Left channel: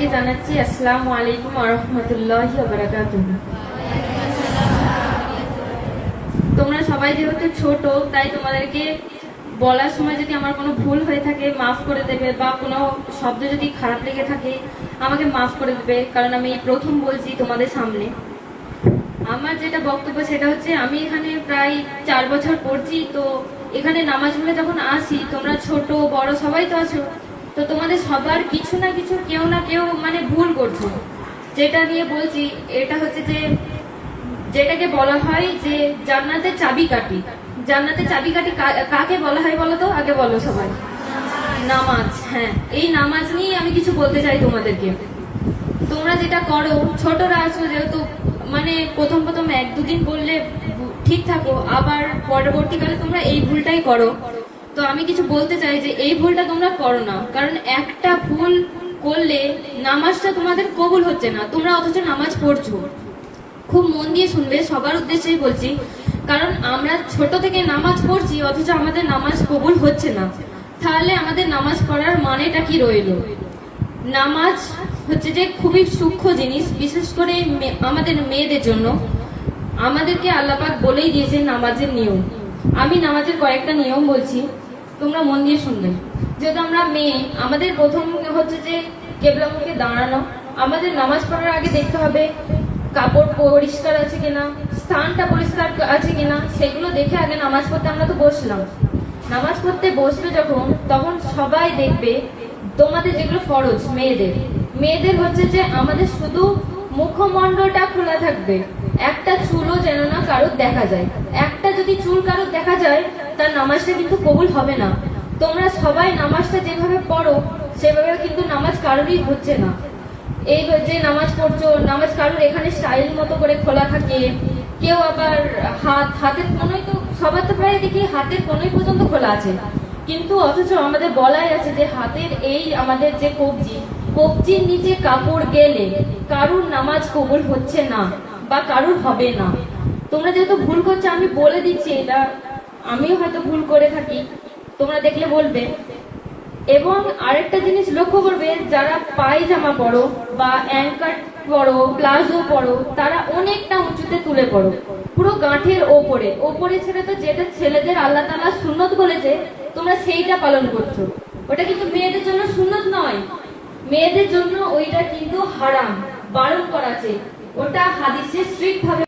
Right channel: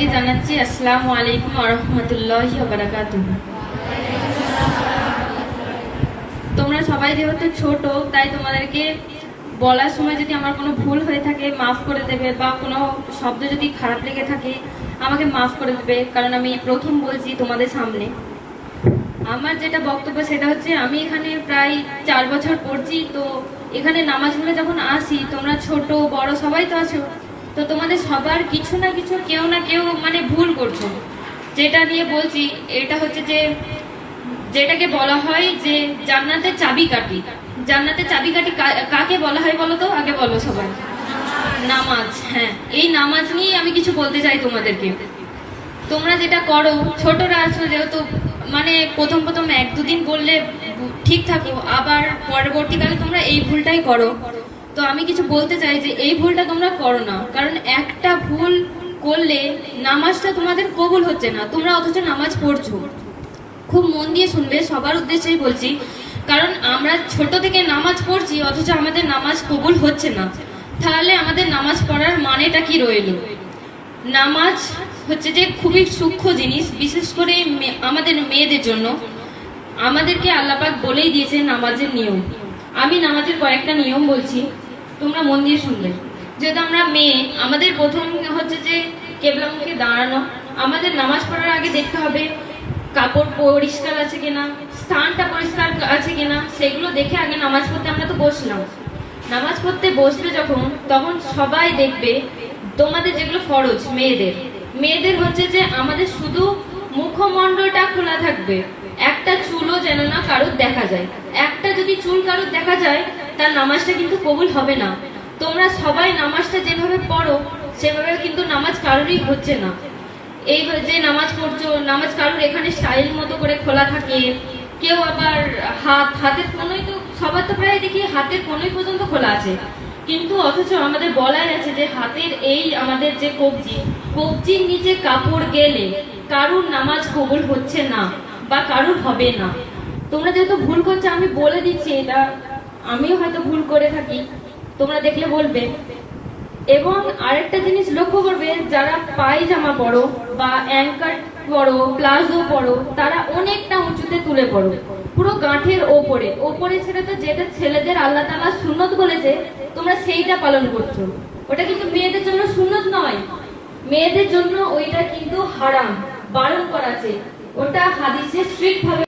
সবাইকে জানাচ্ছি আসসালামু আলাইকুম ওয়া রাহমাতুল্লাহি ওয়া বারাকাতুহু। তোমরা সবাই যেহেতু ছোট, তাই তোমাদেরকে বলার সময় যদি আমার কোনো ভুল হয়ে থাকে মাফ করে দেবে, বা কোনো শব্দ যদি খারাপ লেগে থাকে আমাকে মাফ করে দেবে, কারণ আমি প্রথম বলছি তোমাদের সামনে। আমার যেটা বক্তব্য সেটা হচ্ছে, আমি এখানে প্রায় 4 বছর পড়ছি। তো এখানে নামাজগুলো যখন আসি, তোমরা ছোট বড় সবাই তো আছো, তো তোমাদের সবার কিছু না কিছু কেউ না কেউ মানে ভুল করছো। যেটা নিয়ে বলছি এটা হচ্ছে যে, যেটাকে বলা হয় যে জান্নাতের চাবিকাঠি। জান্নাতের চাবিকাঠি কাকে বলা হয় বলো তো, আগে বলো সবাই। নামাজ। হ্যাঁ, এই নামাজ নিয়ে আমি কিছু বলতে চাই তোমাদেরকে। তোমরা যেটা করো, ছোটরা আছো যেহেতু, মানে প্রথম প্রথম 1-2 দিন বললে ঠিক থাকো, আবার পরবর্তীকালে তোমরা এই ভুলটাই করো। তো আমি কিছু বলতে চাই যে এই ভুলটা তোমরা করো না, কারণ একটা ভুল করলে নামাজটা তোমাদের কবুল হচ্ছে না, তোমরা অথচ নামাজ পড়ছো। খুব মন দিয়ে শুনবে, সবার উদ্দেশ্যেই বলছি, কারণ আমরা ছোট থেকে নামাজ পড়ছি অথচ আমাদের নামাজ কবুল হচ্ছে না। তাহলে আমাদের নামাজ পড়ার মানেটা কি রইল? নামাজ হচ্ছে যে খুবই সূক্ষ্ম জিনিস, বিশেষ করে আমাদের মেয়েদের জন্য। আমাদেরকে আল্লাহ পাক বলেই দিয়েছে নামাজের নিয়ম। আমি নামাজের কয়েকটা নিয়ম বলছি, তোমরা মন দিয়ে শুনবে। যেহেতু আমরা মেয়ে, আমাদের প্রথম হচ্ছে যে কেবলামুখে দাঁড়ানো। আমাদের নামাজ পড়ার আগে দেখতে হবে কাপড় পরিষ্কার আছে কিনা, স্থানটা পরিষ্কার আছে কিনা, সেগুলো দেখে আগে নামাজ পড়তে আমরা তো বসলাম। নামাজ পড়তে বসবে যখন, তখন সবাই দেখবে তোমাদের যেগুলো ফরজ মেয়েদের হচ্ছে যে আমাদের শুধু মুখমণ্ডলটা খোলা থাকবে, একটা চুলও যেন না কারোর দেখা যায়। একটা যদি চুল কারোর দেখা যায়, তার নামাজটা কিন্তু কবুল হবে না। তোমরা সবাই নামাজটা যেভাবে পড়ো সেভাবে কিন্তু নামাজ কারোরই হচ্ছে না। এই যে নামাজ পড়ছো, নামাজ কারোর এখানে স্টাইল মতো করে খোলা থাকে, কেউ আবার হাতের কোনোই, তো সবার তো প্রায় দেখি হাতের কোনোই পর্যন্ত খোলা আছে, কিন্তু অথচ আমাদের বলাই আছে যে হাতের এই আমাদের যে কবজির নিচে কাপড় গেলে কারুর নামাজ কবুল হচ্ছে না বা কারুর হবে না। তোমরা যেহেতু ভুল করছো, আমি বলে দিচ্ছি, এটা আমিও হয়তো ভুল করে থাকি, তোমরা দেখলে বলবে। এবং আরেকটা জিনিস লক্ষ্য করবে, যারা পায়জামা পরো বা অ্যাঙ্কার পরো, প্লাজো পরো, তারা অনেকটা উঁচুতে তুলে পড়ো, পুরো গাঁঠের ওপরে ছেড়ে। তো যেটা ছেলেদের আল্লাহ তাআলা সুন্নত বলেছে, তোমরা সেইটা পালন করছো। ওটা কিন্তু মেয়েদের জন্য সুন্নত নয়, মেয়েদের জন্য ওইটা কিন্তু হারাম, বারণ করা আছে। ওটা হাদিসে স্ট্রিক্ট ভাবে